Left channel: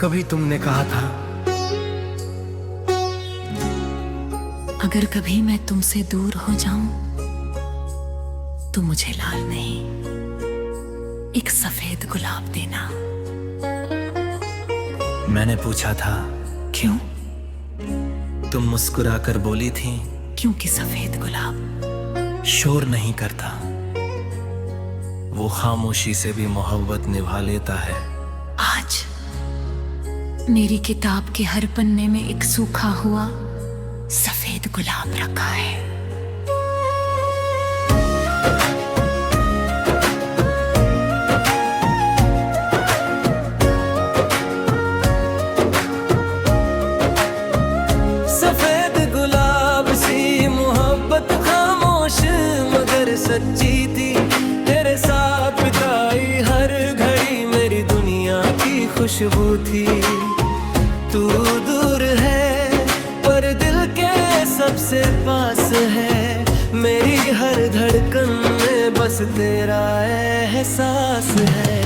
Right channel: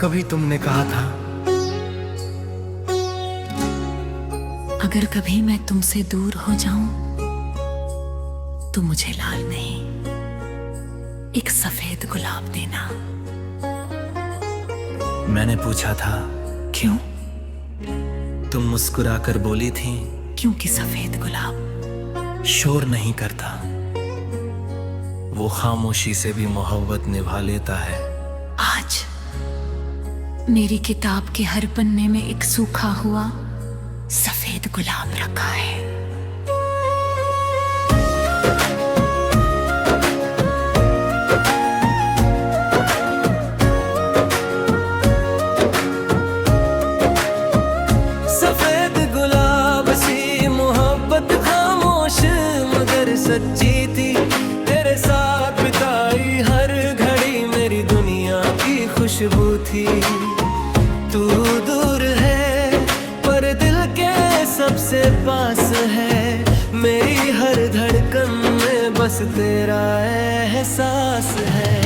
कभी तुमने कहा था, अगर कभी मैं तुमसे दूर हो जाऊं तो मुझे लाल नहीं, एक सफेद गुलाब देना। मैंने पूछा था क्यों? तुम मुस्कुराकर बोली थी, क्योंकि सफेद गुलाब शोर नहीं करता, वो खामोशी से भी मोहब्बत निभा लेता है। आज मेरी किताब के हर पन्ने में एक सूखा हुआ सफेद गुलाब रखा है। सफेद गुलाब सी मोहब्बत खामोश मगर सच्ची थी, तेरे साथ बिताई हर घड़ी मेरी दुनिया की खुशबू थी। तू दूर है पर दिल के सबसे पास है, मेरी हर धड़कन में बस तेरा एहसास है।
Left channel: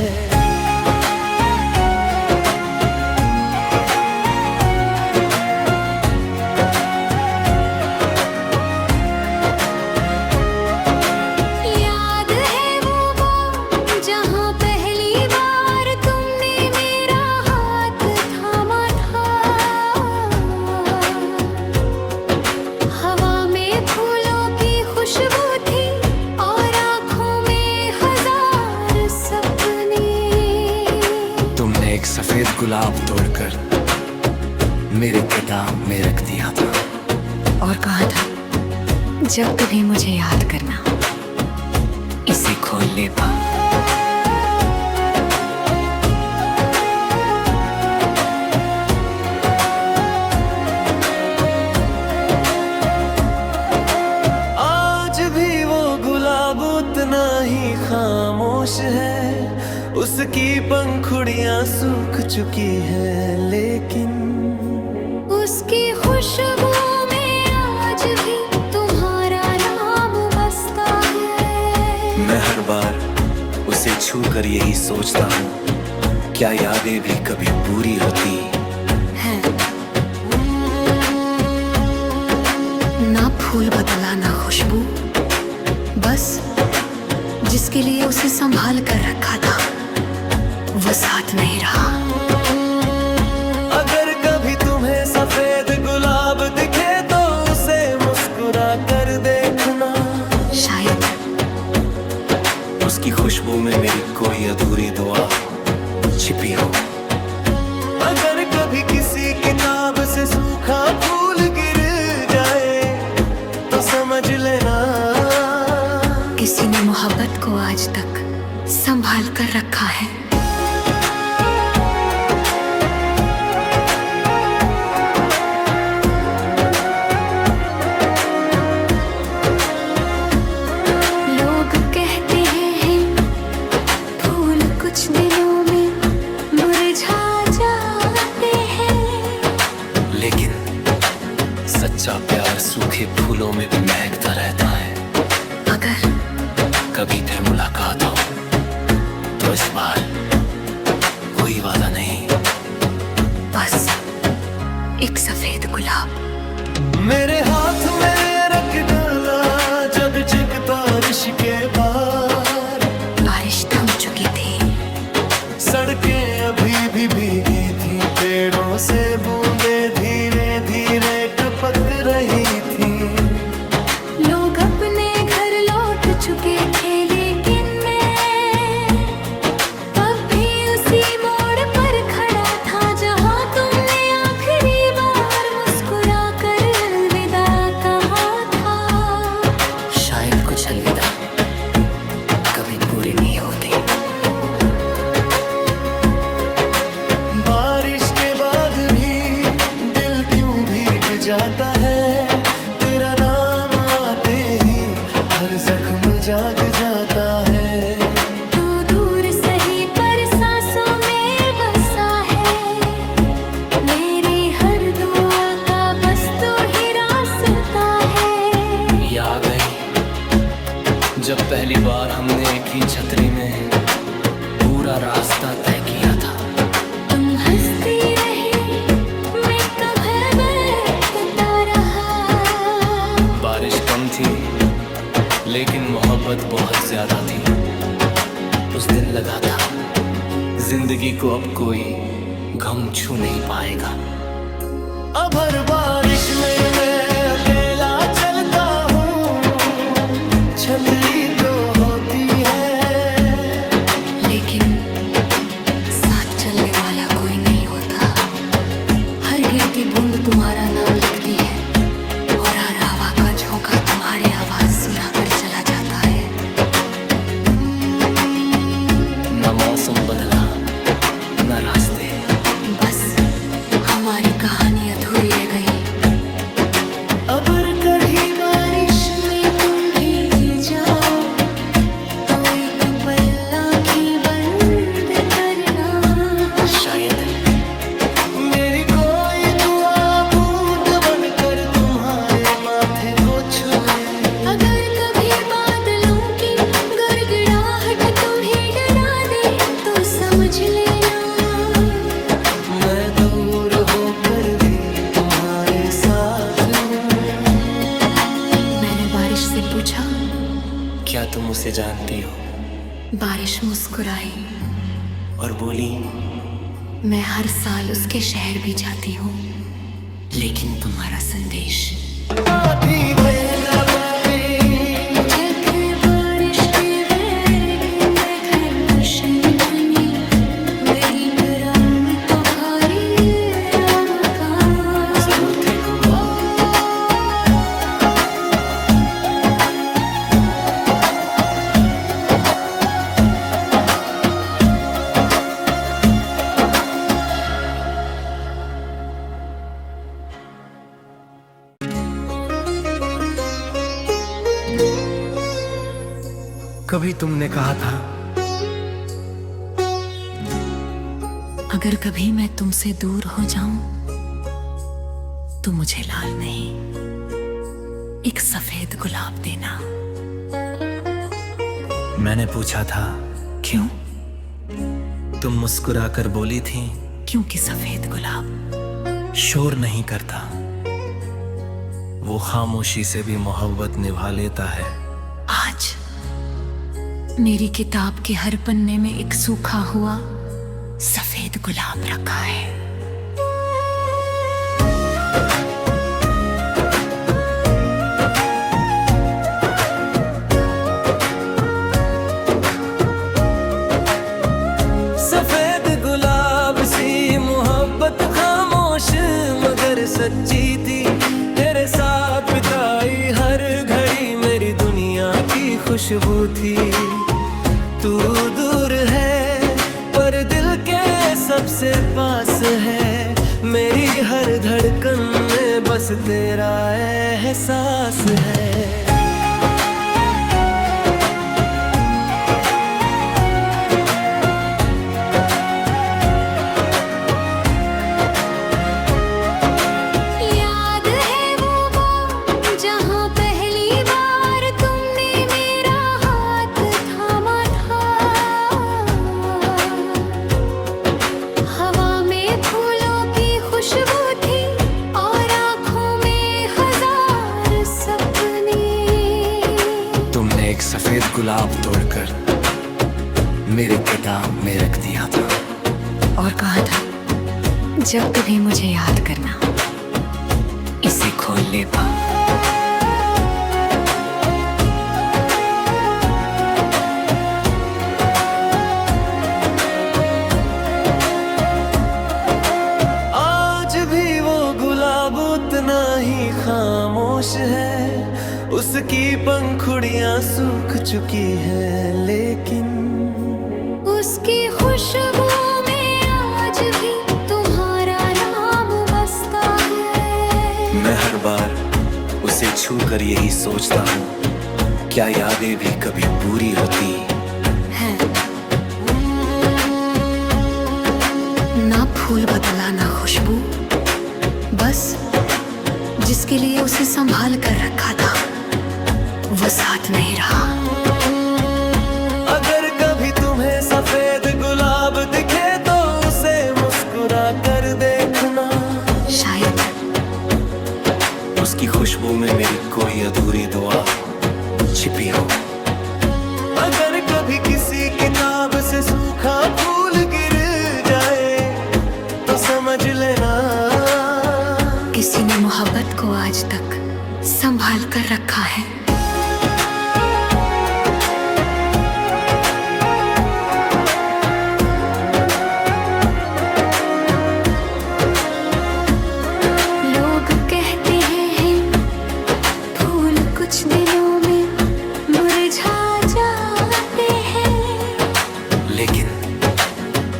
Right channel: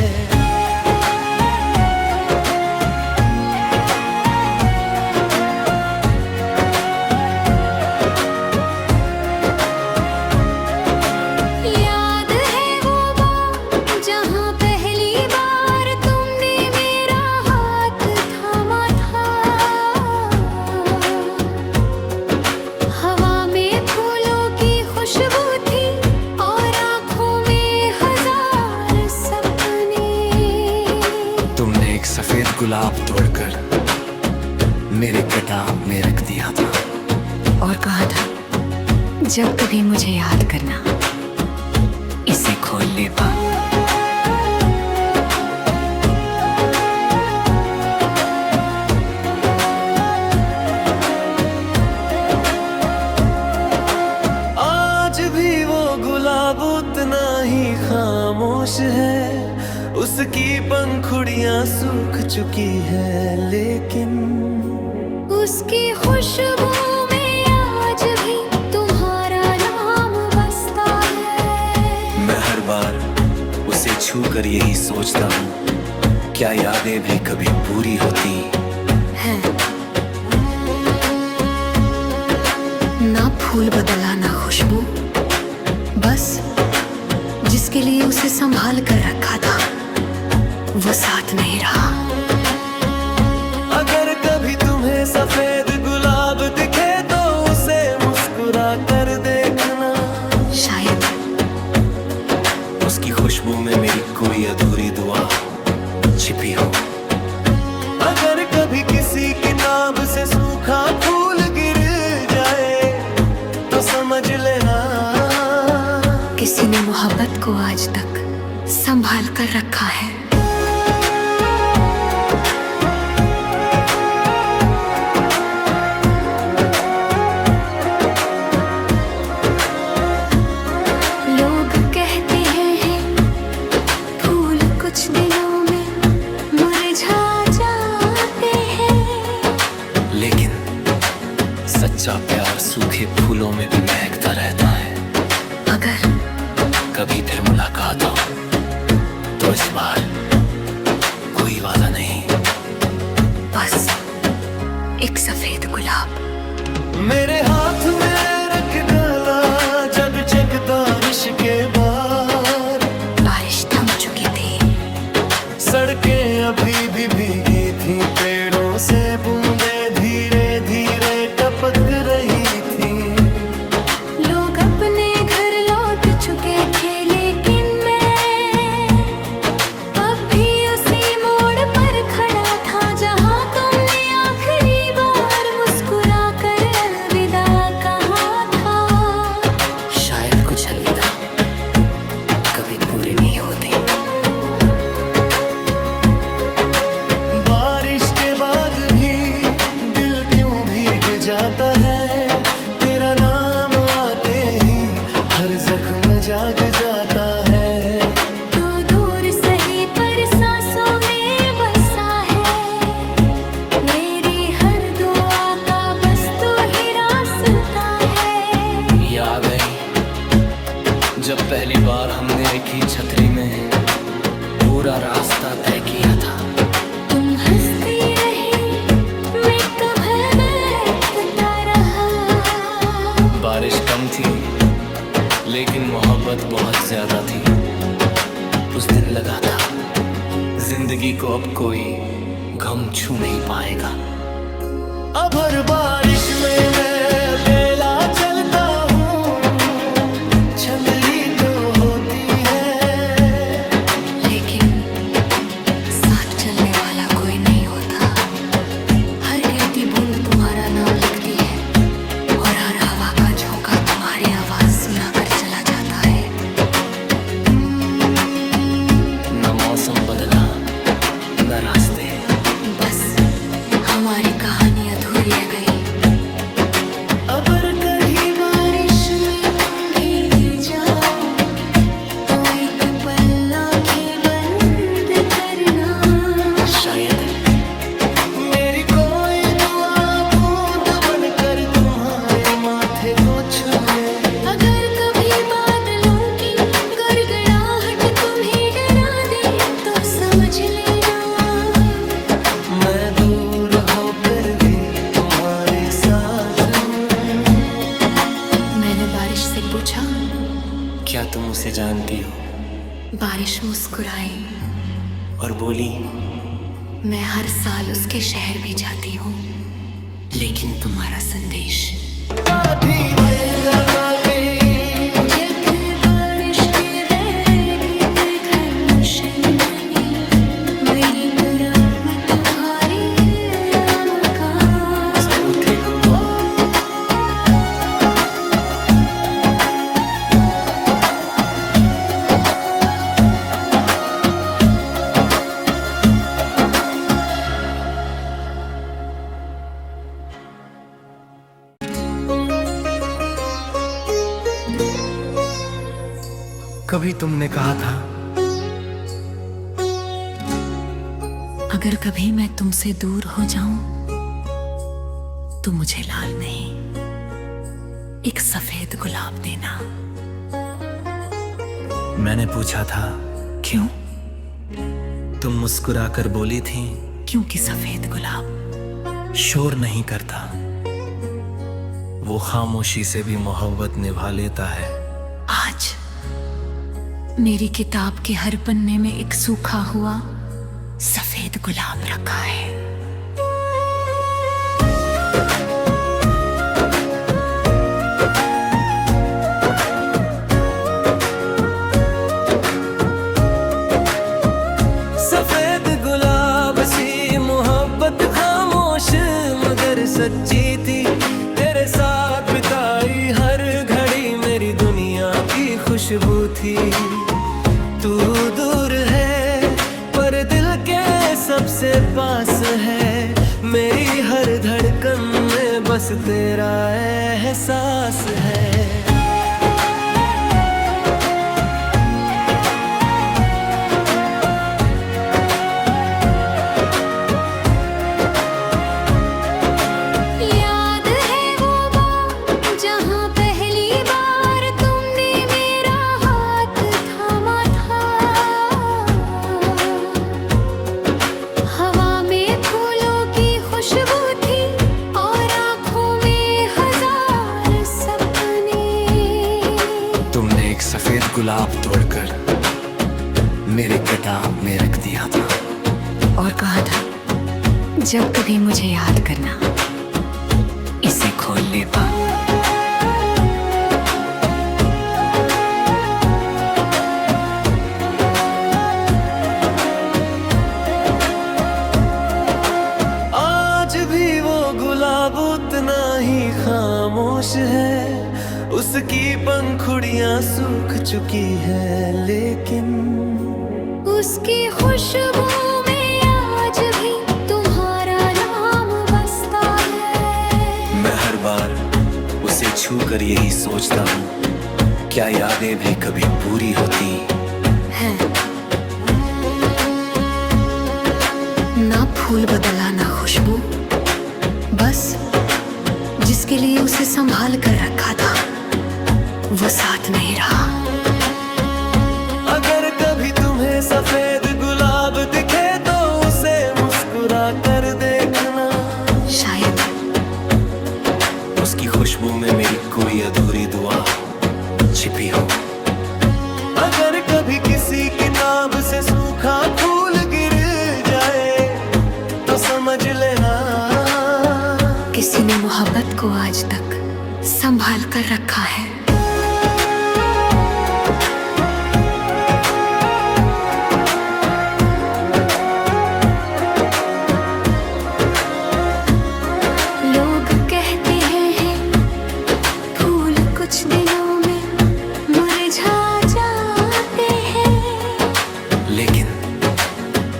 याद है वो बार जहां पहली बार तुमने मेरा हाथ थामा था, हवा में फूलों की खुशबू थी और आंखों में हजार सपने। तुमने एक सफेद गुलाब तोड़कर मेरे किताब में रख दिया था और कहा था, जब कभी मुझे याद करना इसे खोल ले पा। आज भी वो गुलाब उतना ही खामोश है, उसकी पंखुड़ियां सूख चुकी है, लेकिन उसकी खुशबू में आज भी तुम्हारा नाम बसता है। मैं हर बार उसे छू कर यही सोचता हूँ, क्या यादें भी कभी पूरी होती है ना। फूल बदला ना खुशबू, बस जिसके लिए उसे संभाल कर रखा था वो साथ नहीं रहा। अगर कभी तुम्हें सफेद गुलाब दिखे तो उसे मुस्कुरा कर देखना, शायद उसकी खुशबू में मेरी कोई अधूरी दुआ छिपी हो। अगर कभी किसी किताब से सूखा फूल गिर जाए तो समझ लेना किसी ने मोहब्बत को आज तक संभाल कर रखा है। लोग कहते हैं फूल कुछ दिनों में मुरझा जाते हैं, लेकिन सच्चा प्यार सूखे फूलों में भी महकता रहता है। अगर कभी फिर मुलाकात हो तो इस बार कोई वादा नहीं, बस एक सफेद गुलाब मेरे हाथ में रख डाला जब जग बारिश के बाद। बारिश थम चुकी थी, सड़कें अभी भी भीगी थी, पेड़ों से बूंदे धीरे धीरे टपक रही थी। लोग अपने घर लौट चुके थे, लेकिन मैं अब भी उसी मोड़ पर खड़ा था जहां तुमने आखिरी बार मुस्कुरा कर अलविदा कहा था। शायद कुछ अलविदा कभी पूरे नहीं होते। बारिश के बाद भी दिल क्यों भीग जाता है, तेरा नाम आते ही हर जख्म जाग जाता है। तू दूर सही पर सांसों में बसा है, मेरी हर दुआ का बस तू ही रास्ता है। ये आ गई जब पहली बार हमने एक ही छतरी में पूरा रास्ता तय किया था। तुम हंसती बारिश कम थी लेकिन मोहब्बत बहुत ज्यादा थी। उस दिन लगा था जिंदगी को अब कोई गम छू नहीं पाएगा। अब हर बारिश में मैं अकेला चलता हूँ, छतरी तो होती है लेकिन साथ चलने वाला कोई नहीं होता। हर गिरती बूंद तुम्हारा नाम लिखती है और हर हवा का झोंका तुम्हारी आवाज सुनाकर चला जाता है। न मौसम बदला न रास्ते, बस हमारी कहानी अधूरी रह गई। अगर कभी बारिश में तुम भीग जाओ तो एक पल आंखें बंद करना। शायद मेरी कोई दुआ बूंद बनकर तुम्हारे माथे को छू ले। अगर कभी बादलों की गड़गड़ाहट तुम्हें डरा दे तो समझ लेना मैं दूर होकर भी तुम्हारे साथ हूँ। मैंने बारिश से पूछा, क्या तुम उसे जानती हो? बारिश मुस्कुराई और बोली, मैं हर साल उसके शहर भी जाती हूँ, लेकिन तुम्हारा संदेश आधी भई का बातें जग बारिश के वेग में घन शंख में मेरी परम तुम्हारी राम का सारूथी गुमा। कभी तुमने कहा था अगर कभी मैं तुमसे दूर हो जाऊं तो मुझे लाल नहीं, एक सफेद गुलाब देना। मैंने पूछा था क्यों? तुम मुस्कुरा कर बोली थी, क्योंकि सफेद गुलाब शोर नहीं करता, वो खामोशी से भी मोहब्बत निभा लेता है। आज मेरी किताब के हर पन्ने में एक सूखा हुआ सफेद गुलाब रखा है। सफेद गुलाब सी मोहब्बत खामोश मगर सच्ची थी, तेरे साथ बिताई हर घड़ी मेरी दुनिया की खुशबू थी। तू दूर है पर दिल के सबसे पास है, मेरी हर धड़कन में बस तेरा एहसास है। याद है वो बार जहां पहली बार तुमने मेरा हाथ थामा था। हवा में फूलों की खुशबू थी और आंखों में हजार सपने। तुमने एक सफेद गुलाब तोड़कर मेरे किताब में रख दिया था और कहा था जब कभी मुझे याद करना इसे खोल ले पा। आज भी वो गुलाब उतना ही खामोश है, उसकी पंखुड़ियां सूख चुकी है लेकिन उसकी खुशबू में आज भी तुम्हारा नाम बसता है। मैं हर बार उसे छू कर यही सोचता हूँ, क्या यादें भी कभी पूरी होती है। ना फूल बदला ना खुशबू, बस जिसके लिए उसे संभाल कर रखा था वो साथ नहीं रहा। अगर कभी तुम्हें सफेद गुलाब दिखे तो उसे मुस्कुरा कर देखना, शायद उसकी खुशबू में मेरी कोई अधूरी दुआ छिपी हो। अगर कभी किसी किताब से सूखा फूल गिर जाए तो समझ लेना किसी ने मोहब्बत को आज तक संभाल कर रखा है। लोग कहते हैं फूल कुछ दिनों में मुरझा जाते हैं, लेकिन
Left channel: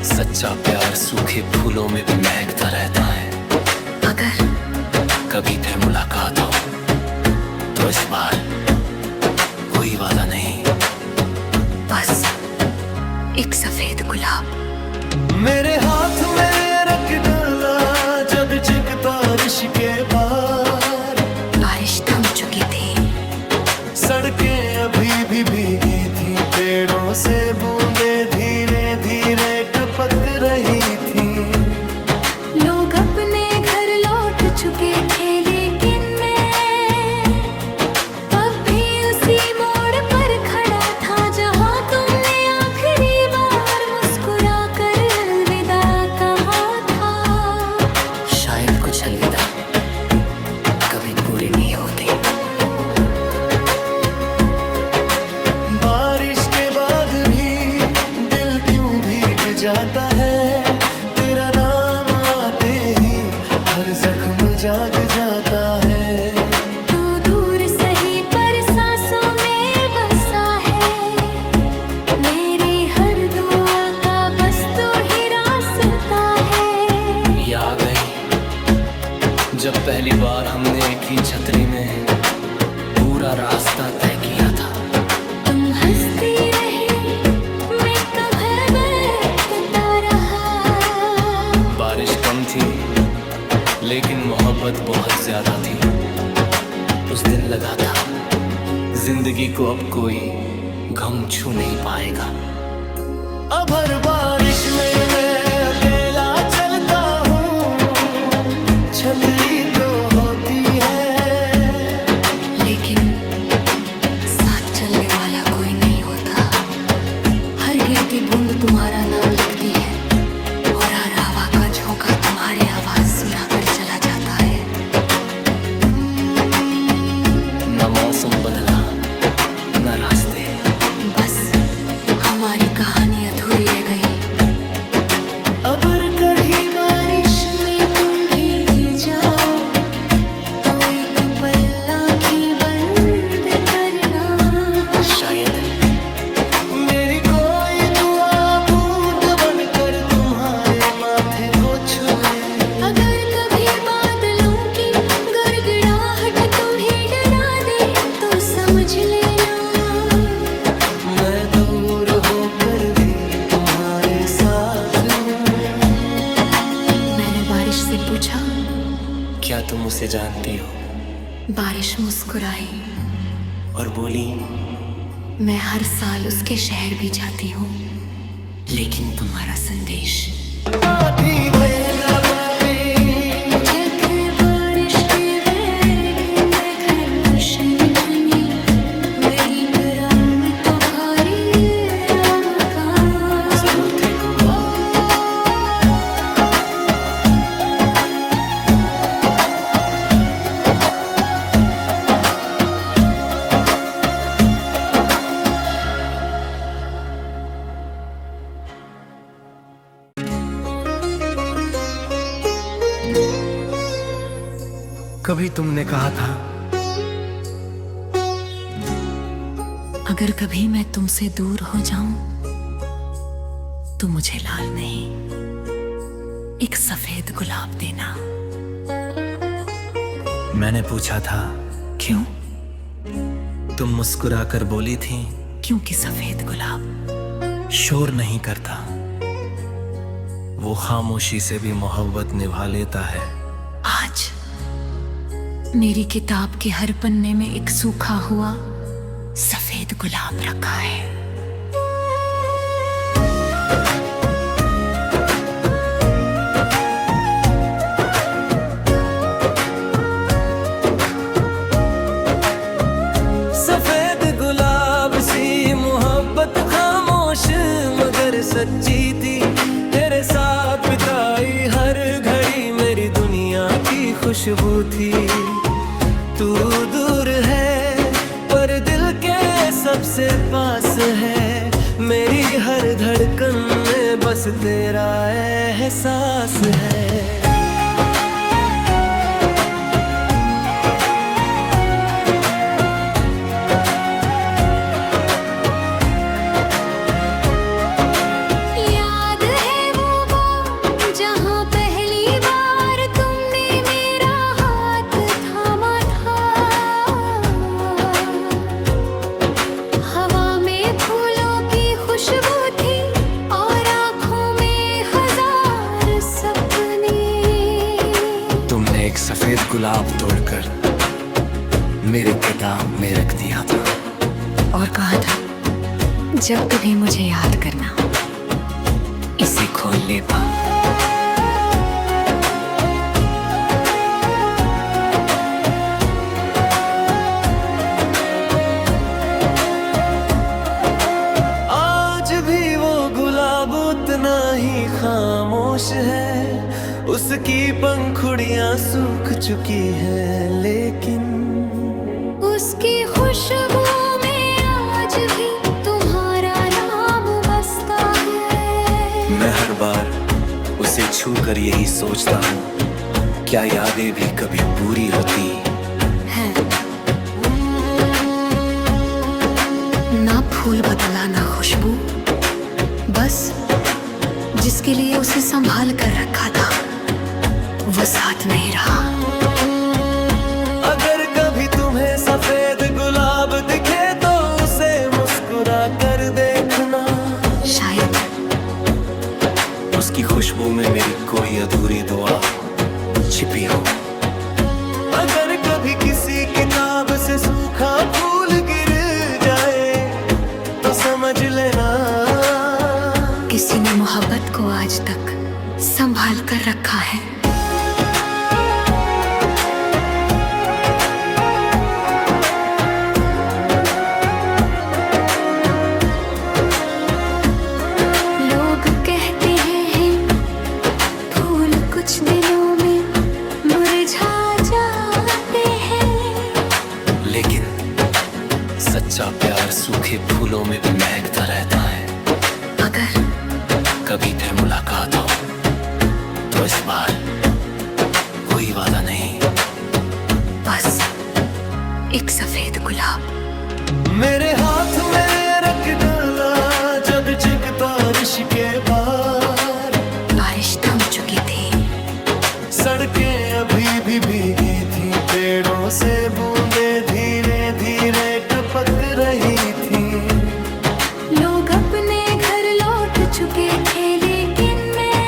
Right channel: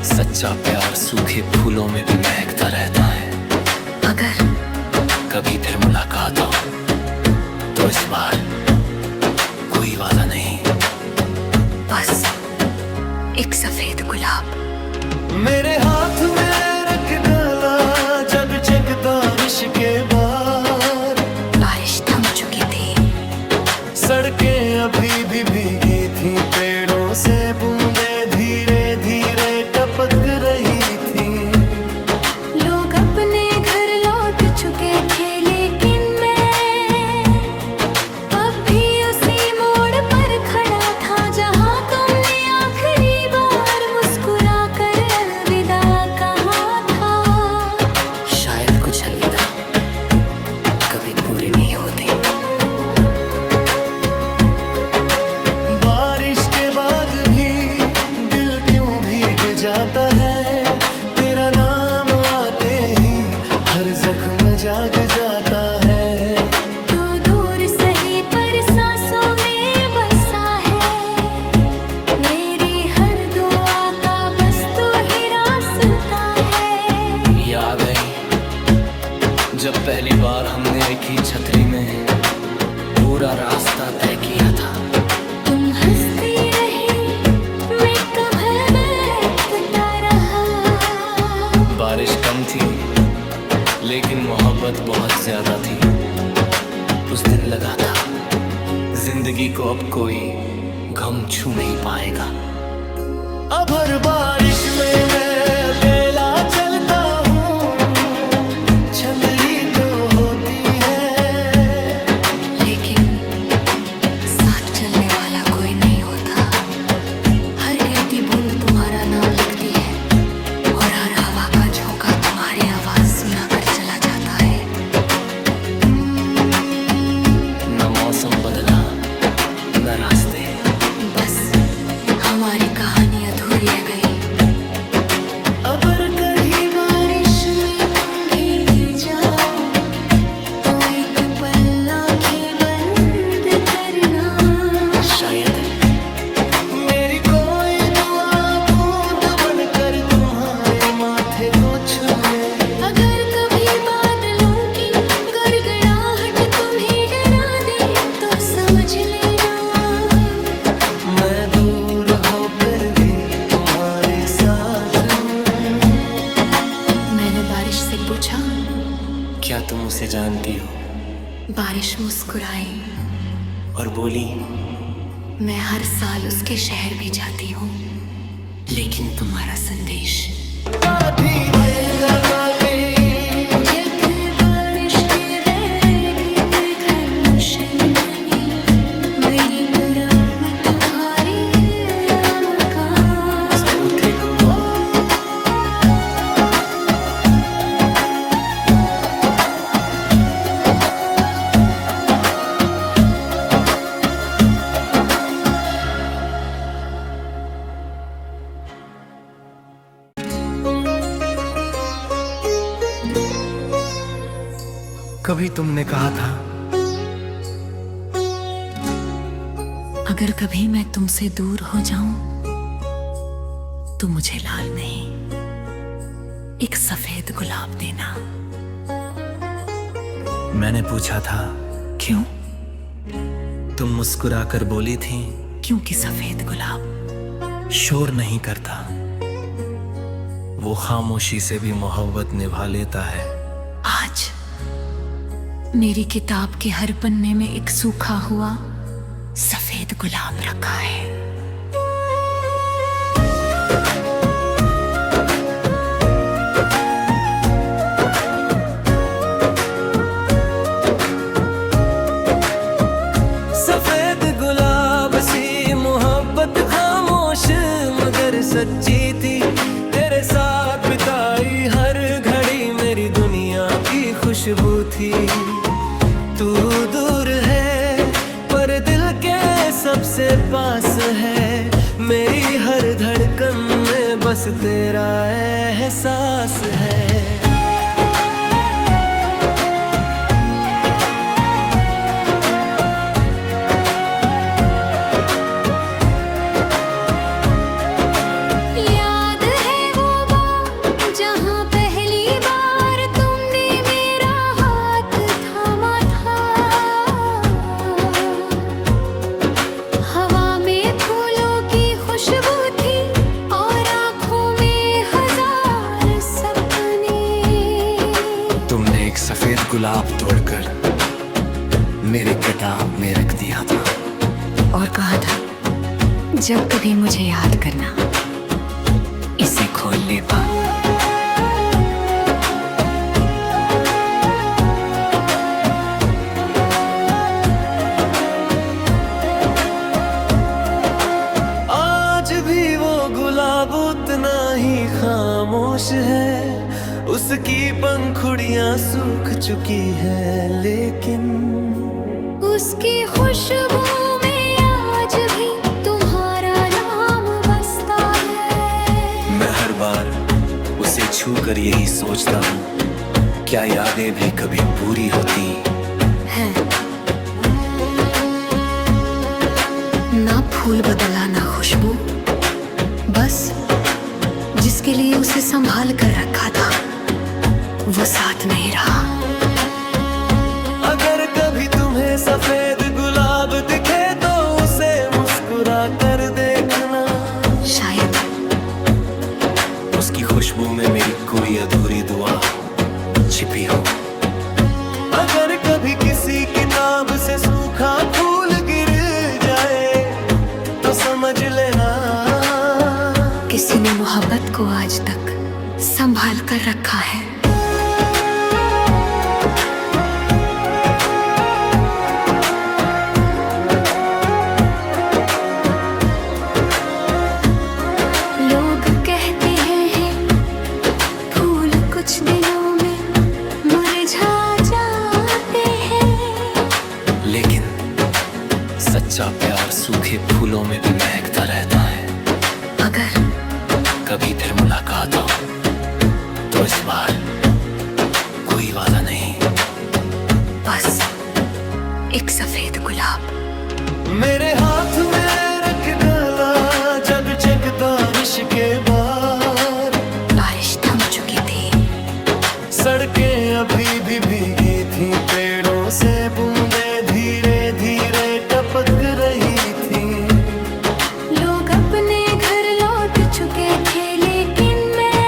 सच्चा प्यार सूखे फूलों में भी महकता रहता है। अगर कभी फिर मुलाकात हो तो इस बार कोई वादा नहीं, बस एक सफेद गुलाब मेरे हाथ में रख डाला जब जग बारिश के बाद। बारिश थम चुकी थी, सड़कें अभी भी भीगी थी, पेड़ों से बूंदें धीरे धीरे टपक रही थी। लोग अपने घर लौट चुके थे, लेकिन मैं अब भी उसी मोड़ पर खड़ा था जहां तुमने आखिरी बार मुस्कुरा कर अलविदा कहा था। शायद कुछ अलविदा कभी पूरे नहीं होते। बारिश के बाद भी दिल क्यों भीग जाता है, तेरा नाम आते ही हर जख्म जाग जाता है। तू दूर सही पर सांसों में बसा है, मेरी हर दुआ का बस तू ही रास्ता है। ये आ गई जब पहली बार हमने एक ही छतरी में पूरा रास्ता तय किया था। तुम हंसती रही, मैं कभी बैठता रहा। बारिश कम थी लेकिन मोहब्बत बहुत ज्यादा थी। उस दिन लगा था जिंदगी को अब कोई गम छू नहीं पाएगा। अब हर बारिश में मैं अकेला चलता हूँ, छतरी तो होती है लेकिन साथ चलने वाला कोई नहीं होता। हर गिरती बूंद तुम्हारा नाम लिखती है और हर हवा का झोंका तुम्हारी आवाज सुनाकर चला जाता है। न मौसम बदला न रास्ते, बस हमारी कहानी अधूरी रह गई। अबर कर ही बारिश में तुम भीग जाओ तो एक पल आंखें बंद करना। शायद मेरी कोई दुआ बूंद बनकर तुम्हारे माथे को छू ले। अगर कभी बादलों की गड़गड़ाहट तुम्हें डरा दे तो समझ लेना मैं दूर होकर भी तुम्हारे साथ हूँ। मैंने बारिश से पूछा, क्या तुम उसे जानती हो? बारिश मुस्कुराई और बोली, मैं हर साल उसके शहर भी जाती हूँ, लेकिन तुम्हारा संदेश आधी भईका बातें जग बारिश के वैधि में घन शंखनी मेरी करम तुम्हारी राम का सारुथी गुम। कभी तुमने कहा था अगर कभी मैं तुमसे दूर हो जाऊं तो मुझे लाल नहीं एक सफेद गुलाब देना। मैंने पूछा था क्यों? तुम मुस्कुराकर बोली थी क्योंकि सफेद गुलाब शोर नहीं करता, वो खामोशी से भी मोहब्बत निभा लेता है। आज मेरी किताब के हर पन्ने में एक सूखा हुआ सफेद गुलाब रखा है। खामोश मगर सच्ची थी, तेरे साथ बिताई हर घड़ी मेरी दुनिया की खुशबू थी। तू दूर है पर दिल के सबसे पास है, मेरी हर धड़कन में बस तेरा एहसास है। याद है वो बार जहाँ पहली बार तुमने मेरा हाथ थामा था। हवा में फूलों की खुशबू थी और आँखों में हजार सपने। तुमने एक सफेद गुलाब तोड़कर मेरे किताब में रख दिया था और कहा था जब कभी मुझे याद करना इसे खोल ले पा। आज भी वो गुलाब उतना ही खामोश है, उसकी पंखुड़ियां सूख चुकी है, लेकिन उसकी खुशबू में आज भी तुम्हारा नाम बसता है। मैं हर बार उसे छू कर यही सोचता हूँ, क्या यादें भी कभी पूरी होती है ना। फूल बदला ना खुशबू, बस जिसके लिए उसे संभाल कर रखा था वो साथ नहीं रहा। अगर कभी तुम्हें सफेद गुलाब दिखे तो उसे मुस्कुरा कर देखना, शायद उसकी खुशबू में मेरी कोई अधूरी दुआ छिपी हो। अगर कभी किसी किताब से सूखा फूल गिर जाए तो समझ लेना किसी ने मोहब्बत को आज तक संभाल कर रखा है। लोग कहते हैं फूल कुछ दिनों में मुरझा जाते हैं, लेकिन सच्चा प्यार सूखे फूलों में भी महकता रहता है। अगर कभी फिर मुलाकात हो तो इस बार कोई वादा नहीं, बस एक सफेद गुलाब मेरे हाथ में रख डाला जब जग बारिश के बाद। बारिश थम चुकी थी, सड़कें अभी भी भीगी थी, पेड़ों से बूंदे धीरे धीरे टपक रही थी। लोग अपने घर लौट चुके थे, लेकिन मैं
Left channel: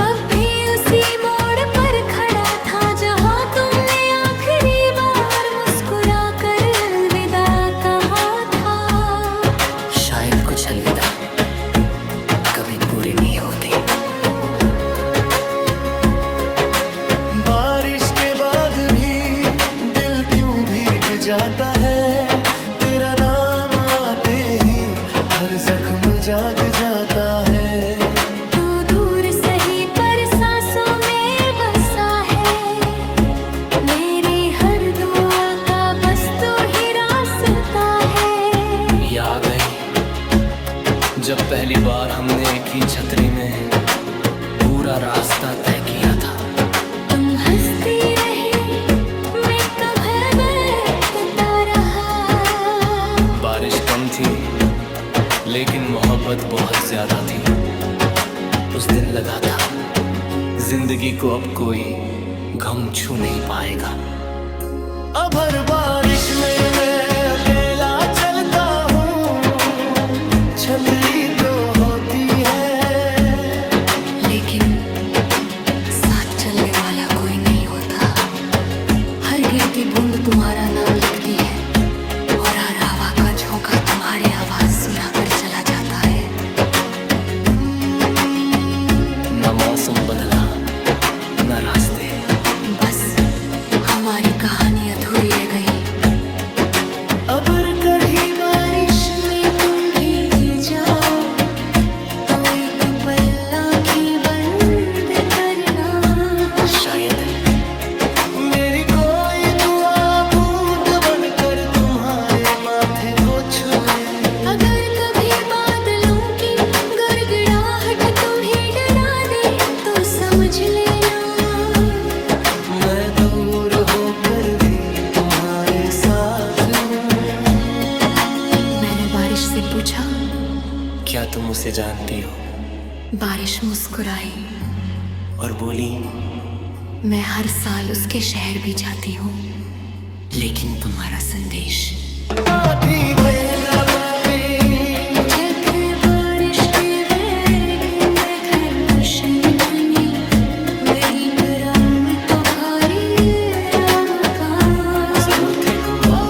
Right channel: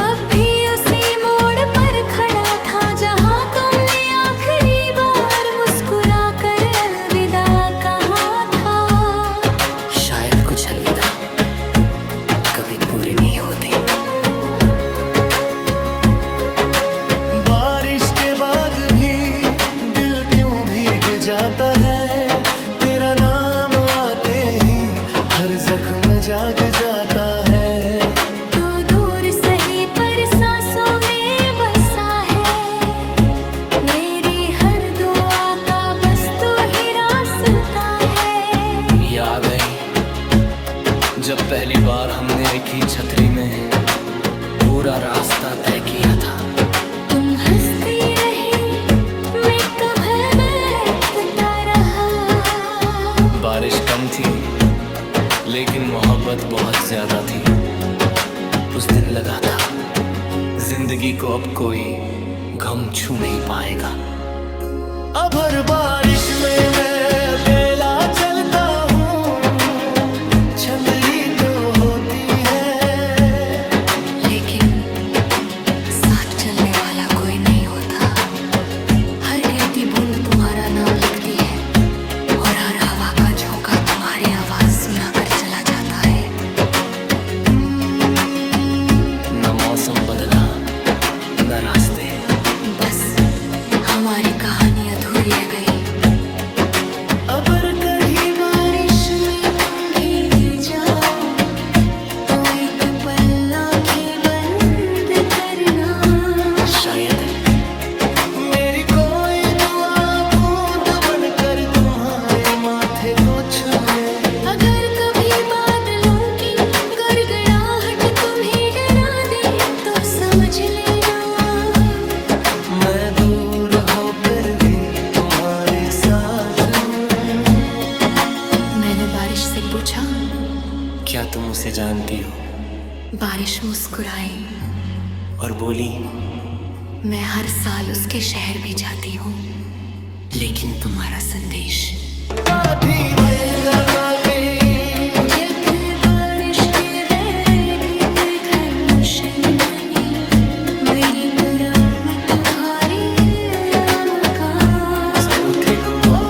अब भी उसी मोड़ पर खड़ा था जहां तुमने आखिरी बार मुस्कुरा कर अलविदा कहा था। शायद कुछ अलविदा कभी पूरे नहीं होते। बारिश के बाद भी दिल क्यों भीग जाता है, तेरा नाम आते ही हर जख्म जाग जाता है। तू दूर सही पर सांसों में बसा है, मेरी हर दुआ का बस तू ही रास्ता है। याद गई जब पहली बार हमने एक ही छतरी में पूरा रास्ता तय किया था। तुम हंसती रही, मैं कभी देखता रहा। बारिश कम थी लेकिन मोहब्बत बहुत ज्यादा थी। उस दिन लगा था जिंदगी को अब कोई गम छू नहीं पाएगा। अब हर बारिश में मैं अकेला चलता हूँ, छतरी तो होती है लेकिन साथ चलने वाला कोई नहीं होता। हर गिरती बूंद तुम्हारा नाम लिखती है और हर हवा का झोंका तुम्हारी आवाज सुनाकर चला जाता है। न मौसम बदला न रास्ते, बस हमारी कहानी अधूरी रह गई। अब कभी बारिश में तुम भी पल आँखें बंद करना। शायद मेरी कोई दुआ बूंद बनकर तुम्हारे माथे को छू ले। अगर कभी बादलों की गड़गड़ाहट तुम्हें डरा दे तो समझ लेना मैं दूर होकर भी तुम्हारे साथ हूँ। मैंने बारिश से पूछा, क्या तुम उसे जानती हो? बारिश मुस्कुराई और बोली, मैं हर साल उसके शहर भी जाती हूँ, लेकिन तुम्हारा संदेश आधी वैदा बाबे जग बारिश के वेदी में घन शंतनी मेरी परम तुम्हारी राम का साउथी गुमा